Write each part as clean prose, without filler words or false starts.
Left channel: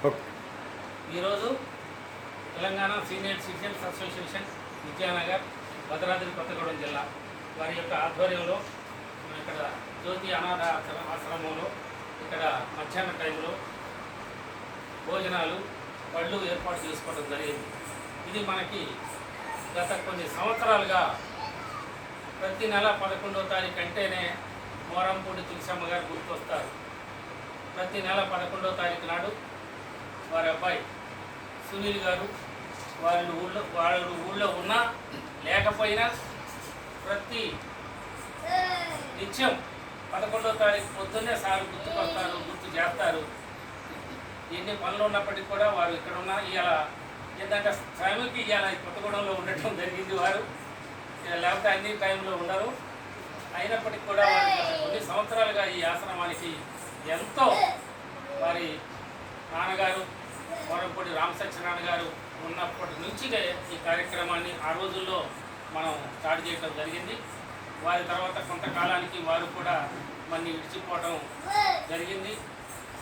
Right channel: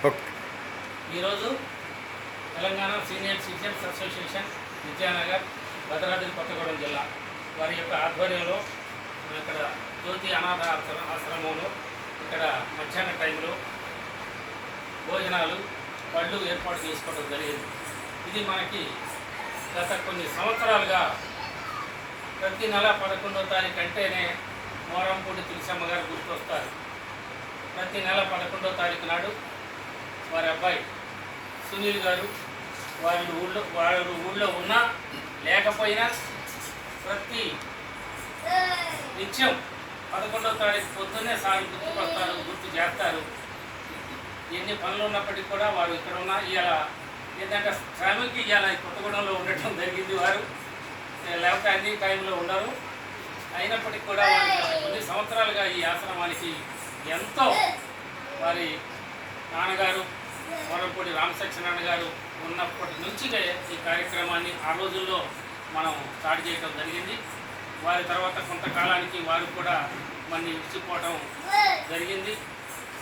ఈరోజు Telangana senior citizens association Vidyanagar Bhadradri Kothagudem జిల్లా వారి యొక్క ఆధ్వర్యంలో ఇక్కడ జ్యోతి అనాథ ఆశ్రమంలో ఇక్కడ మధ్యాహ్న టైంలో భోజనాలు పళ్ళు ఏర్పాటు చేసుకోవడం జరిగింది. ఇది మనకి గత కొన్ని సంవత్సరాలుగా ప్రతి నెల 11వ తారీఖు అంటేనే మోరంపూడి తులసమ్మ గారు గుర్తొస్తారు. ప్రతి నెల 11వ తారీఖు నాడు వారి అబ్బాయి సునీల్ గారు వారు ఊళ్ళో ఉన్నా లేకపోయినా ప్రతి నిత్యం 11వ తారీఖు పొద్దున్నే సార్ గుర్తుకొస్తారు, గుర్తు చేస్తారు. ఎన్ని పనులు ఉన్నప్పటికీ కూడా వారు ఇక్కడ ఉన్నా ఇలా ఏంటంటే శ్రమకి ఇలా కొత్తగూడెంలో ఉండటం జరిగింది. వారు లేకపోతే అన్ని టైంలో ఉండరు. అయినప్పటికీ కూడా వారికి కొన్ని సంవత్సరాలుగా ఈ ఆశ్రమానికి ఎంతో వారి నాన్నగారు మోరంపూడి రామసత్యనారాయణ గారు ఉన్నప్పటి నుంచి ఈ కార్యక్రమాన్ని ఆ రోజుల్లో మనం స్టార్ట్ చేయడం జరిగింది. వారి తర్వాత కొంతకాలానికి వారు కూడా మనని విడిచిపోవడం జరిగింది.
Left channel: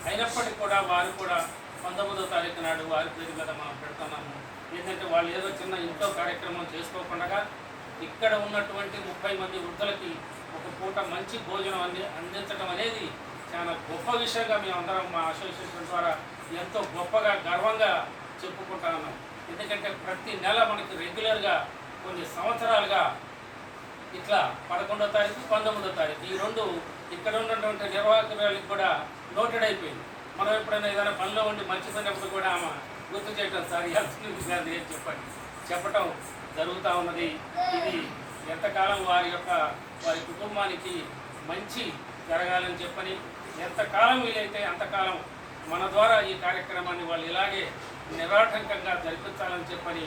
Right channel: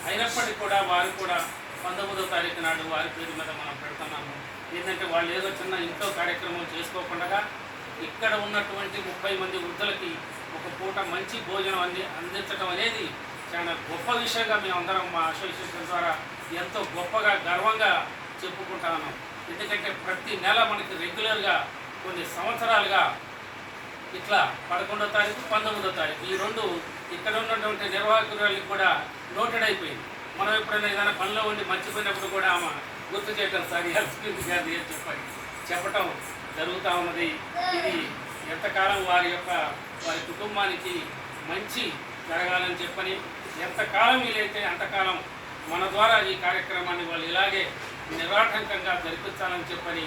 అయినప్పటికీ కూడా వారు కూడా 19వ తారీఖు నాడు వారి పేరు మీద మనం పెడుతున్నాము. ఏంటంటే వాళ్ళు ఏదో చిన్న ఇంట్లో కార్యక్రమం చేసుకోకుండా ఇక్కడ ఉన్నటువంటి 30 మంది వృద్ధులకి ఒక పూట మంచి భోజనం అందించడం అనేది చాలా గొప్ప విషయంగా మేమందరం మా అసోసియేషన్ ద్వారా ఎంతో గొప్పగా గర్వంగా చెప్పుకుంటున్నాం. ఎందుకంటే ప్రతి నెల మనకి రెగ్యులర్గా కొన్ని సంవత్సరాలుగా ఇట్లా 11వ తారీఖు 19వ తారీఖు ఈ రెండు ఇక్కడ ఉన్నటువంటి నిర్వాహకురాలకు కూడా నోటెడ్ అయిపోయింది. మనం ఎప్పుడైనా ఏదైనా పనిలో ఉండి మర్చిపోయినప్పుడు కూడా ఆమె గుర్తు చేయటం సార్ హెల్త్ గారు చెప్పటం జరుగుతూ ఉన్నది. ఇది ఎంతకాలం వారి కుటుంబానికి మంచి జరగాలని చెప్పని ఎంతకాలం వీలైతే అంతకాలం మన ద్వారా ఈ కార్యక్రమాన్ని వాళ్ళు ఇలాగే నిరాటంకంగా జరిపించాలని చెప్పని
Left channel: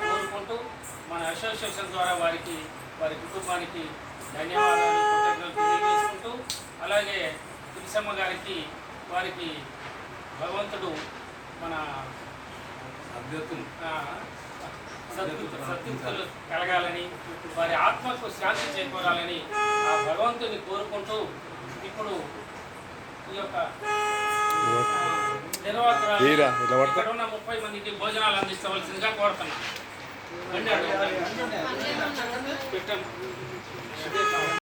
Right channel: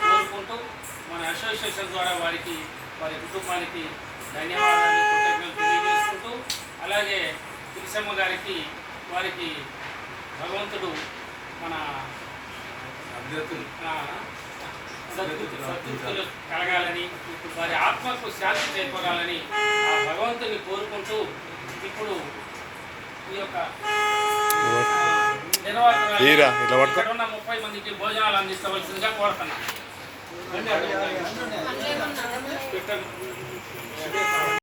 కోరుకుంటూ మన అసోసియేషన్ ద్వారా వారి కుటుంబానికి ధన్యవాదాలు కృతజ్ఞతలు తెలియజేసుకుంటూ అలాగే తులసమ్మ గారికి వారికి భగవంతుడు మన సద్గుతులు కలగాలని వారి ఆత్మకు శాంతి చేకూరాలని ఆ భగవంతుని కోరుకుంటూ ఇప్పుడు ఈ యొక్క ఇక్కడ ఉన్న 30 మందికి భోజనాలు అందించవలసిందిగా కోరుతున్నాం.